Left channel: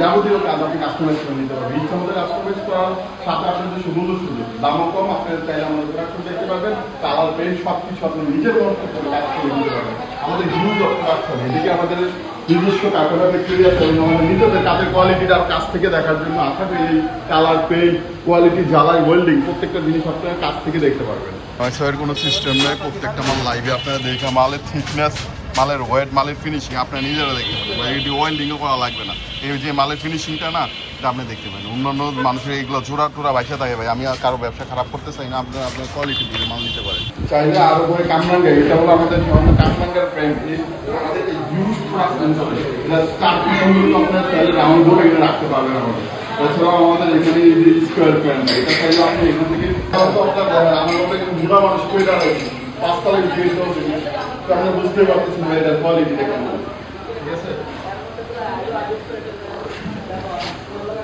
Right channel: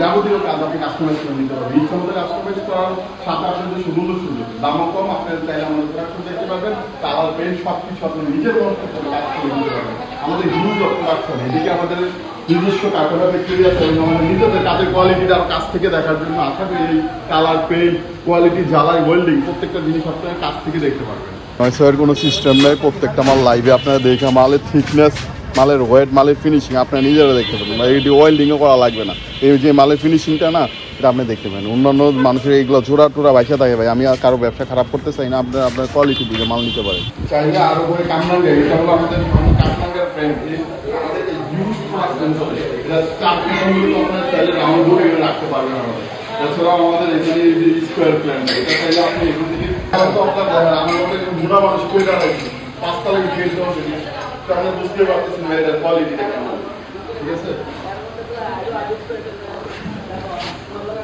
যাবতীয় কাজ আপনি কাস্টমার পাওয়ার পেয়ে সব নিজের আমাদের এদিকে আমাদের নিজস্ব কাপড়া বিক্রি আছে এবং নিজেদের কাপড় কোয়ালিটির কাছ থেকে দেখার জন্য আপনাদের এই কালার পেইন্ট কোয়ালিটি জ্বালাই ওয়েল্ডিং প্রত্যেকটা জিনিস আপনারা কাছ থেকে দেখতে পাবেন। নয়সের কোনো সিস্টেম নয়, প্রত্যেকটা মাল লাইভে আপনারা দেখে মালের থিকনেস, মালের ওয়েট, মালের ফিনিশিং আপনারা নিজেরা দেখতে পাবেন। আর এটি ওয়েল্ডিংও করা লাগবে না, এই যে মালের ফিনিশিংটা না এটা আপনি দেখতে পাবেন। অন্যান্য মানুষের এইগুলো জোড়া টোড়া বাইসা থাকে ভাই, আমি আর কারো ব্যবসা খারাপ করতে চাই না, আপনার কোয়ালিটি দিকে মাল নিতে পারেন। চাইলে আরো করে কামরাঙ্গা, এটা হলো আমাদের কামরাঙ্গার ব্র্যান্ড, রাখতে পারবেন আমাদের। এছাড়াও আমাদের এখানে স্কোয়ার প্ল্যান্ট, এটা চাইলে আপনি এখান থেকে আমাদের বুঝতেই পারছেন কোয়ালিটি।